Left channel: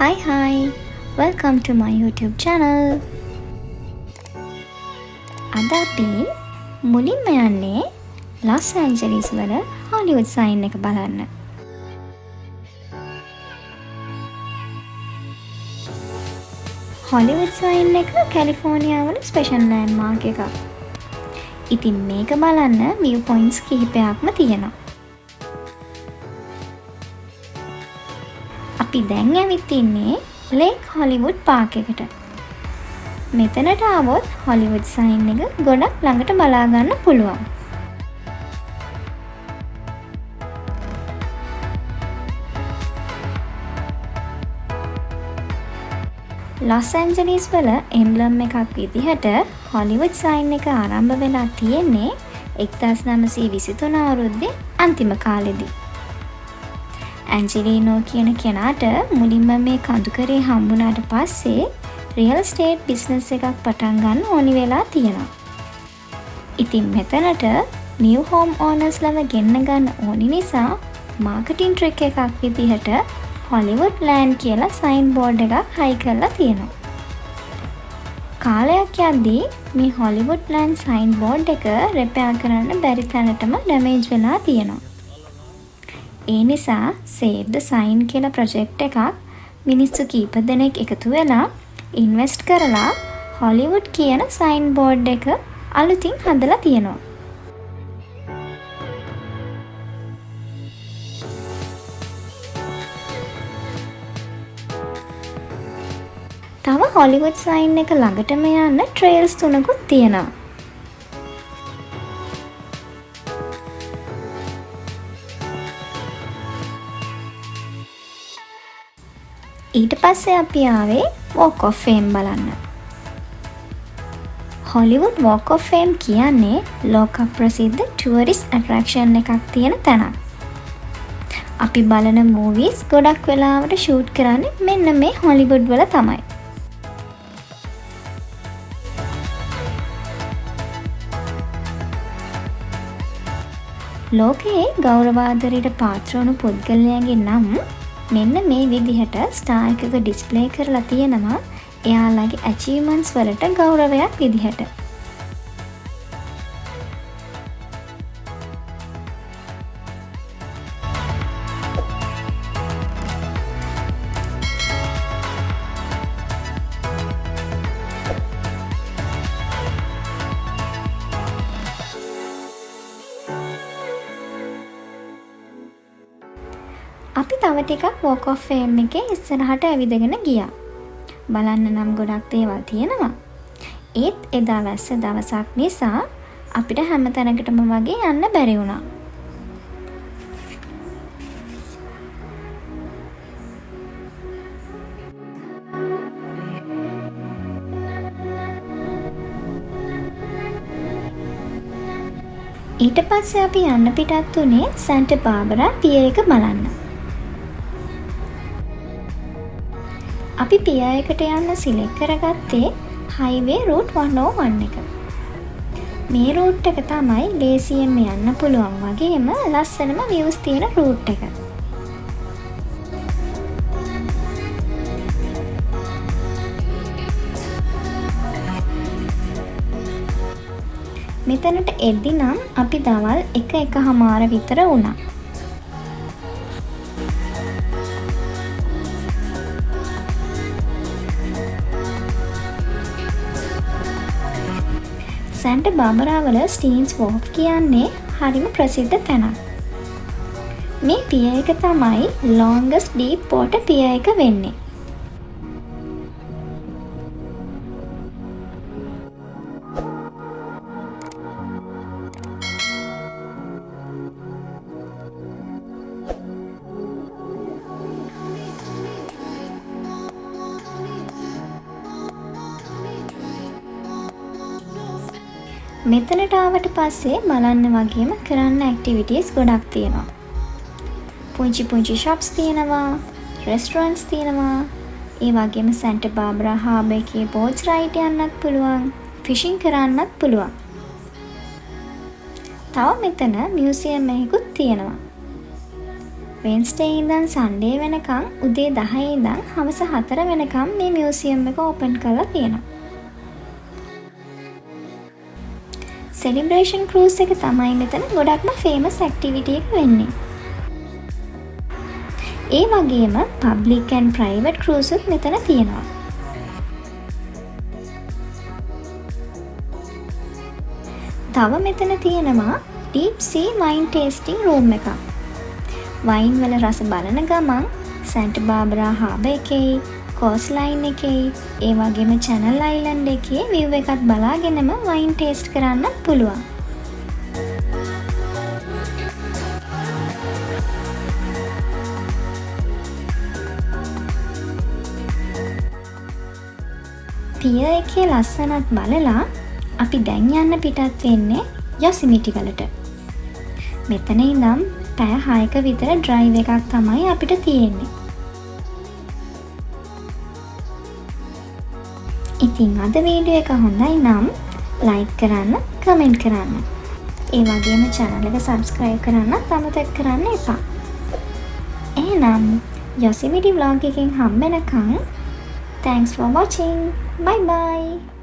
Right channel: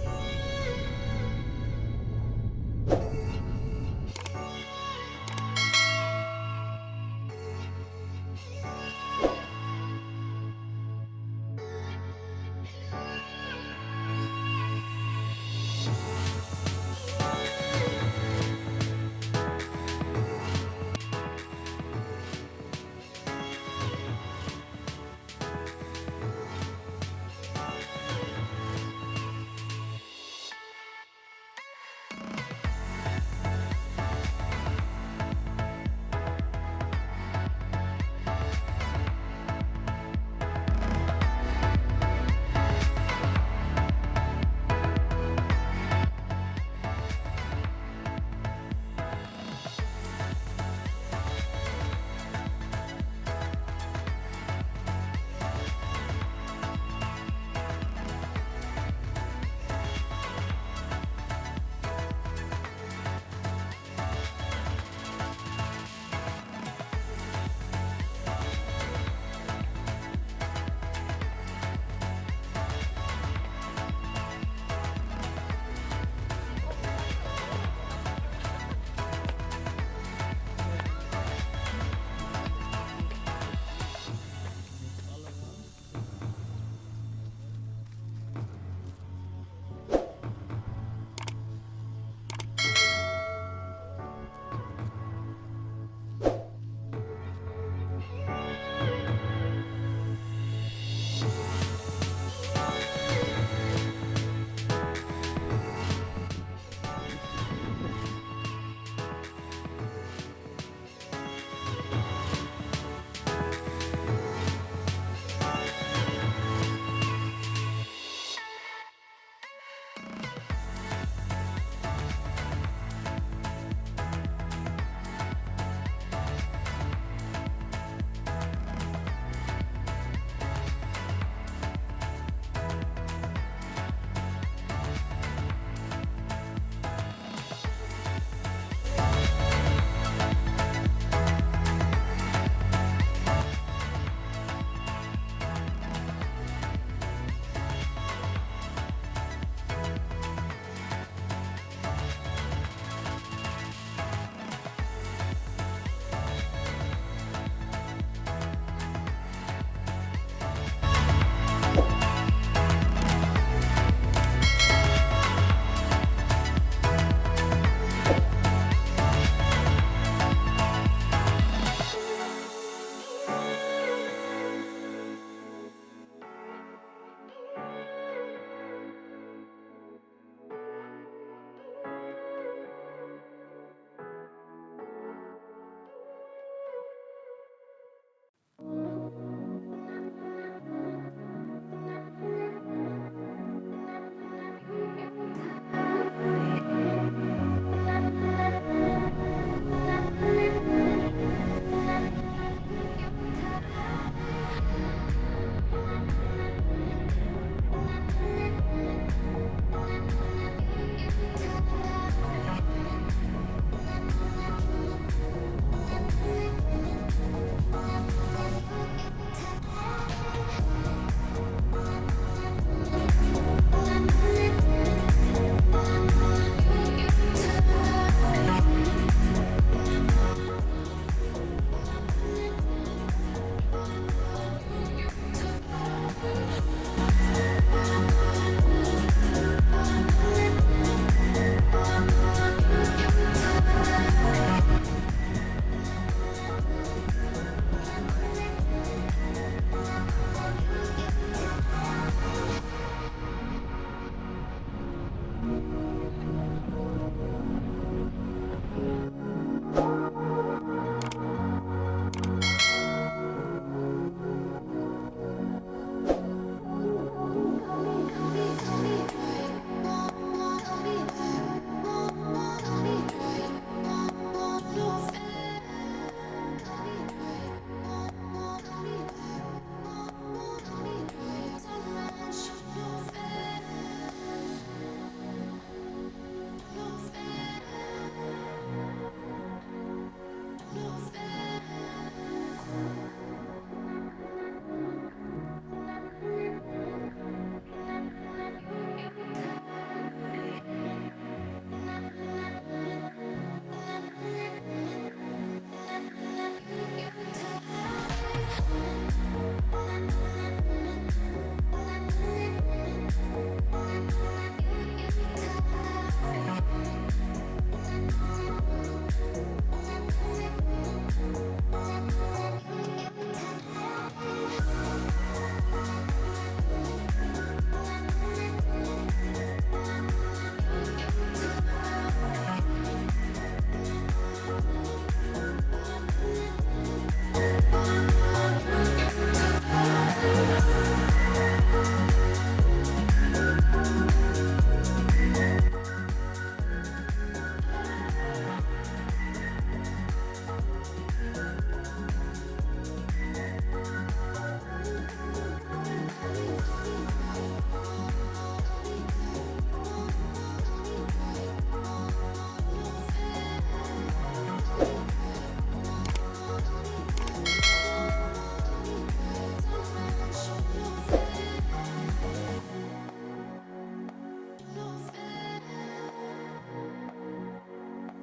Hi, welcome to my YouTube channel. අද අපි මුලින්ම යන්නේ ලොස් ඇන්ජලිස් වල හොලිවුඩ් සයින් එක බලන්න. හොලිවුඩ් සයින් එක කැලිෆෝනියා වල ස්පෙෂල් ලෑන්ඩ්මාර්ක් එකක්. ඉතින් මේක බලන්න view points කිහිපයක්ම තියෙනවා. අපි දැන් ඇවිත් ඉන්නේ ලේක් හොලිවුඩ් පාක් එකට. මෙතනට ආවොත් හොලිවුඩ් සයින් එක ගොඩක් ළඟට බලා ගන්න පුළුවන්. ලොස් ඇන්ජලිස් වල එම්බ්ලම් එකක් විදිහට හොලිවුඩ් සයින් එක ආරම්භ වෙලා තියෙන්නේ 1923 අවුරුද්දේ අන්තිම කාලෙදී. ඇන්ජලිනෝ කියන කෙනාට මුලින්ම මේ කඳුකරේ හම්බුනාට පස්සේ රියල් ස්ටේට් බිස්නස් එකක් පටන් ගන්න ඕනි වෙලා තියෙනවා. ඉතින් මෙතනට නිව් හෝම් ඕනර්ස් ළම ගෙන්න ගන්න ඕනි නිසා මාකටිං ට්‍රික් එකක් විදිහට හොලිවුඩ් ලෑන්ඩ් කියලා සයින් බෝඩ් එකක් හයි කරලා තියෙනවා. කාලයක් යද්දී මේ හොලිවුඩ් ලෑන්ඩ් සයින් බෝඩ් එක රිපෙයාර් කරන්න බැරි තැනටම ඩැමේජ් වෙලා තියෙනවා. ඒ නිසා සේව් ද සයින් කියලා ප්‍රොජෙක්ට් එකක් මිනිස්සු කීප දෙනෙක් එකතු වෙලා ඉන්වෙස්ට් කරලා හොලිවුඩ් කියන සයින් බෝඩ් එක අලුතින් හදලා තියෙනවා. තව හොලිවුඩ් සයින් එක ළඟටම යන්න ට්‍රේල්ස් 3කුත් තියෙනවා. ඊට පස්සේ අපි ආවේ Walk of Fame බලන්න. හොලිවුඩ් Walk of Fame කියන්නේ ලෝක ප්‍රසිද්ධ ටුවරිස්ට් ඇට්‍රැක්ෂන් එකක් තියෙන තැනක්. අපි බලන මූවිස් ගොඩක් වෙලාවට ෂූට් කරන්නේ මෙන්න මේ හොලිවුඩ් වල තමයි. ලෝකයේ ගෞරවාදරයට පාත්‍ර වුණු පුද්ගලයන්ගේ නම් මෙන්න මේ විදිහට ස්ටාර් එකක ඩිස්ප්ලේ කරලා තියෙනවා එයාලගේ ඇචීව්මන්ට්ස් වලට ගෞරවයක් විදිහට. අපි තව ටිකක් Walk of Fame එකේ ඉස්සරහට ඇවිදගෙන ගියා. බලන්න නම් ගොඩක් දේවල් තියෙනවා. ඒත් එදා වැස්ස දවසක් නිසා අපිට හැම තැනකටම වගේ යන්න බැරි වුණා. ඊට පස්සේ අපි යන්න පිටත් උනේ සැන්ටා බාබරා පිය එක බලන්න. අපි පිය එකට යන්න සිලෙක්ට් කරගත්තේ හයිවේ රූට් 101 එක. මේ රූට් එක තමයි ලේසියෙන්ම යන්න පුළුවන් වගේම ලස්සනම views තියෙන රූට් එක. මෙතනට එද්දි නම් අපි දවල් 1:00 විතර වුණා. සැන්ටා බාබරා වල ස්ටීන්ස් වෝක් කියන්නේ හරිම ප්‍රසිද්ධ තැනක්. මේ පිය එක තමයි longest deep water පිය එක වෙන්නේ. මෙතනට ආවට පස්සේ බලන්න වගේම කරන්න ඇක්ටිවිටීස් ගොඩක් තියෙනවා. පුංචි පුංචි ෂොප්ස් තියෙනවා, රෙස්ටොරන්ට්ස් තියෙනවා. ඒ වගේම සැන්ටා බාබරා හාබර් එකේ බෝට්ස් රයිඩ් යන්නත් පුළුවන්, ෆිෂින් කරන්නත් පුළුවන්. තව මෙතන මියුසියම් එකකුත් තියෙනවා. වෙන්ස්ඩේ ඉඳන් සන්ඩේ වෙනකම් උදේ 10 ඉඳන් හවස 4 වෙනකම් මේ මියුසියම් එක ඕපන් කරලා තියෙනවා. සෙලිබ්‍රේෂන් ක්‍රූස් එක තමයි මෙතන ගොඩක්ම ෆේමස් ඇක්ටිවිටි එක වෙන්නේ. ඒ වගේම පබ්ලික් ඇන්ඩ් ප්‍රයිවට් ක්‍රූස් උත් මෙතන තියෙනවා. තව මෙතන තියෙනවා ඩීප් සී වයින් ටේස්ටිං රූම් එකක්. වයින් වල රස බලන ගමන් සැන්ටා බාබරා හාබර් එකේ, කෝස්ට් ලයින් එකේ, ඒ වගේම චැනල් අයිලන්ඩ් එකේ විව් එකත් බලාගෙනම වයින් ටේස්ට් කරන්න පුළුවන්. පියර් එකේ ලස්සනත් බලලා අපි දැන් යන්න පිටත් වෙන්නේ යොසිමිටි වලට. මෙතන ඉඳන් පැය 6ක විතර ඩ්‍රයිව් එකක් තමයි අපිට තියෙන්නේ. ඉතින් අද වීඩියෝ එක හොඳයි නම් ලයික් කරන්න, කමෙන්ට් කරන්න. ඒ වගේම channel එක subscribe කරන්නත් අමතක කරන්න එපා. එහෙනම් යොසිමිටි vlog එකෙන් හම්බෙනකන් thanks for watching. Bye bye.